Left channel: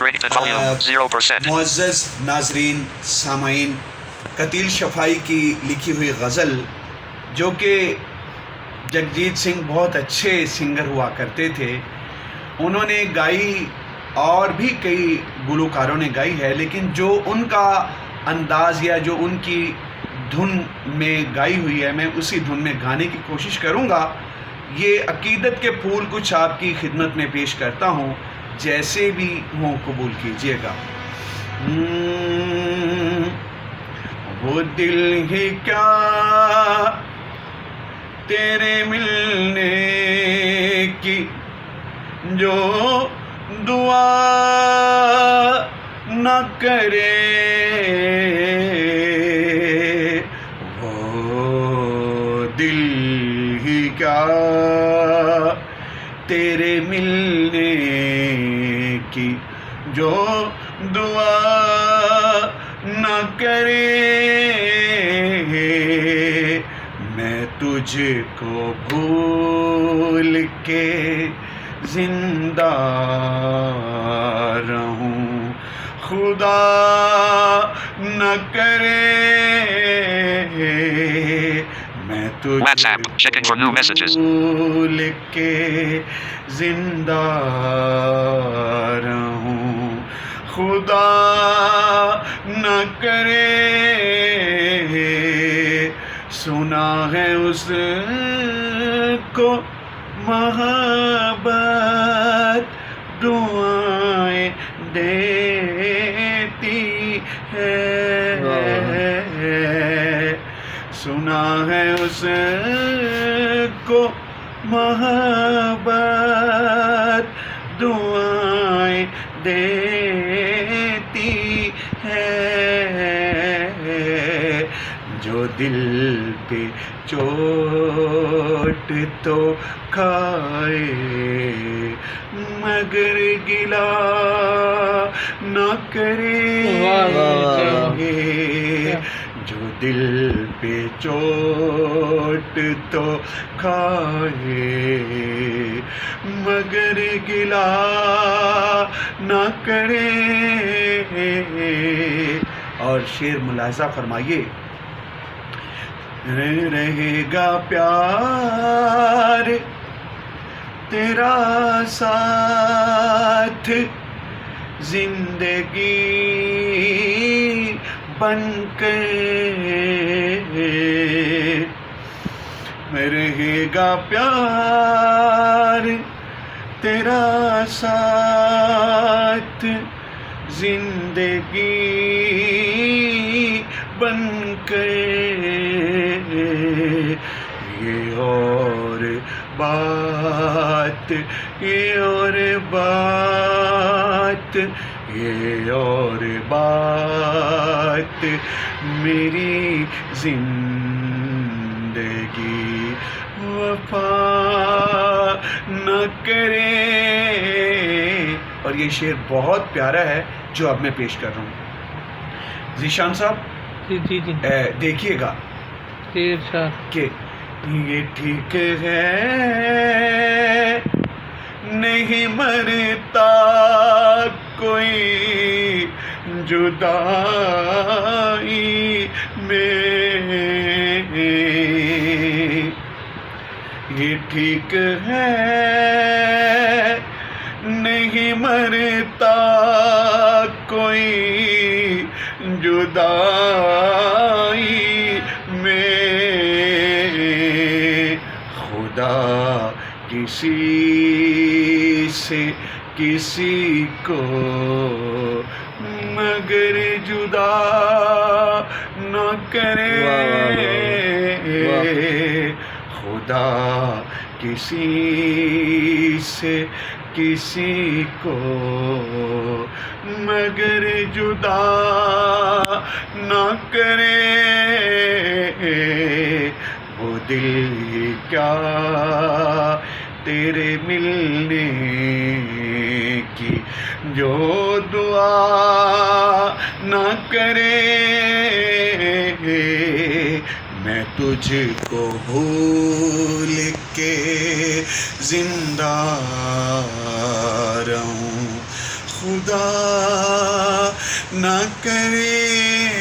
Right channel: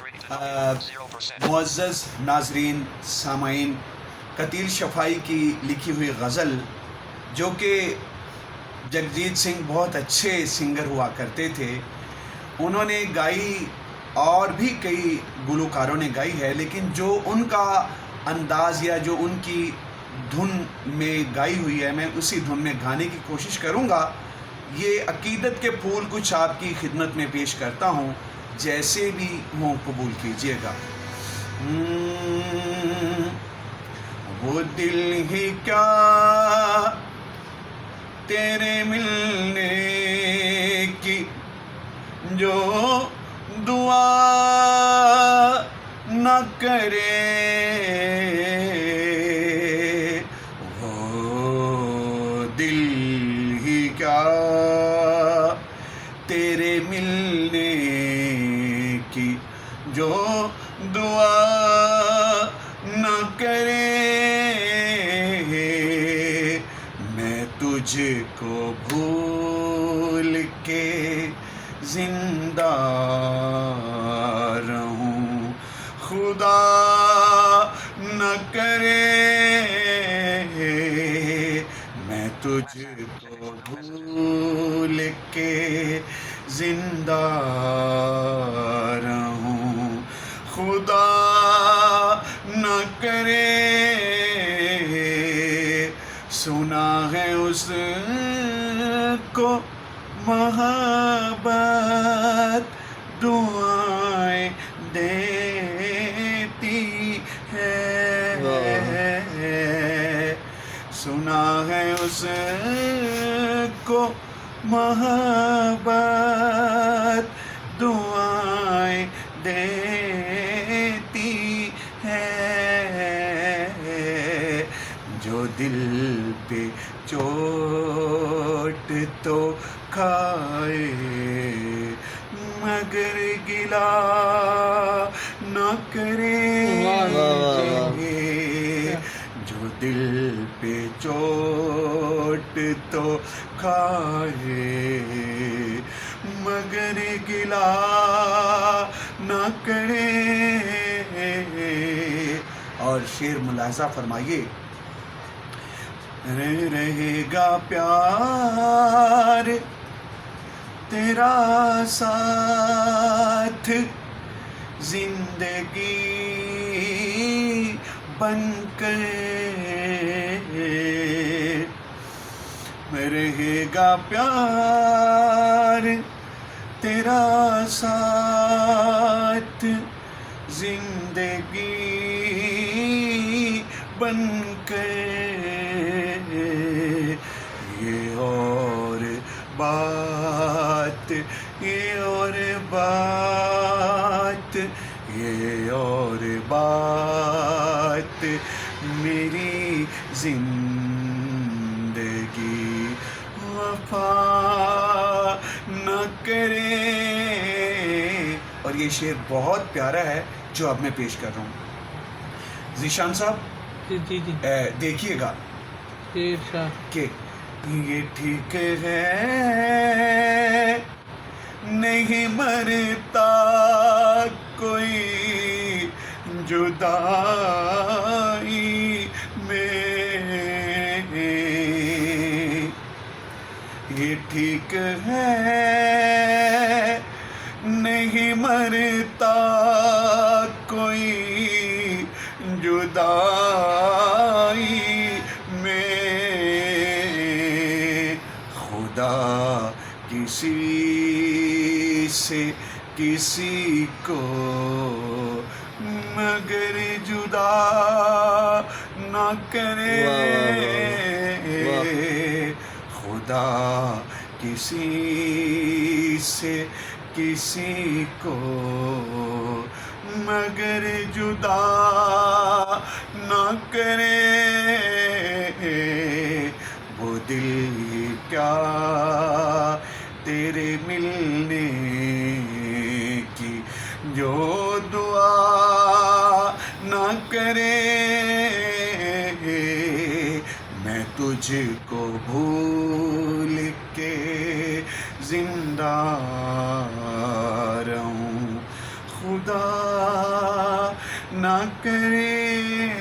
Rated volume 0%. معزز ناظرین سامعین، قتیل شفائی کی لکھی ہوئی غزل جو کہ جگجیت سنگھ بہت اچھے سنگر ہوا کرتے تھے، انہوں نے گائی اور بھی کئی گلوکاروں نے گائی ہے، لیکن جو ان کا انداز یا جو ان کی دھن میں گائی ہوئی ہے میں اسی دھن میں گانے کی کوشش کروں گا۔ یہ عقیدت کے پھول کچھ آپ کی خدمت میں پیش کرتا ہوں، جیسے بھی ہوں قبول کیجیے گا۔ وہ دل ہی کیا تیرے ملنے کی جو دعا نہ کرے، وہ دل ہی کیا تیرے ملنے کی جو دعا نہ کرے، میں تجھ کو بھول کے زندہ رہوں، خدا نہ کرے، میں تجھ WhatsApp. Checking for new messages. بھول کے زندہ رہوں، خدا نہ کرے۔ سنا ہے اس کو محبت دعائیں دیتی ہے، سنا ہے اس کو محبت دعائیں دیتی ہے، جو دل پہ چوٹ تو کھائے مگر گلا نہ کرے، جو دل پہ چوٹ تو کھائے مگر گلا نہ کرے۔ اور شعر ملاحظہ فرمائیے، رہے گا پیار تیرا ساتھ زندگی بن کے، رہے گا پیار تیرا ساتھ زندگی بن کے، یہ اور بات، یہ اور بات، یہ اور بات میری زندگی وفا نہ کرے۔ اور یہ شعر بہت پیارا ہے جو اب میں پیش کر رہا ہوں۔ ذیشان صاحب جی دیکھیے گا کہ یہ ٹھیک ہے نہیں مرتا کوئی جدائی میں، یہ ٹھیک ہے نہیں مرتا کوئی جدائی میں، خدا کسی سے کسی کو مگر جدا نہ کرے، خدا کسی سے کسی کو مگر جدا نہ کرے، وہ دل کیا تیرے ملنے کی جو دعا نہ کرے، میں تجھ کو بھول کے زندہ رہوں، خدا خدا نہ کرے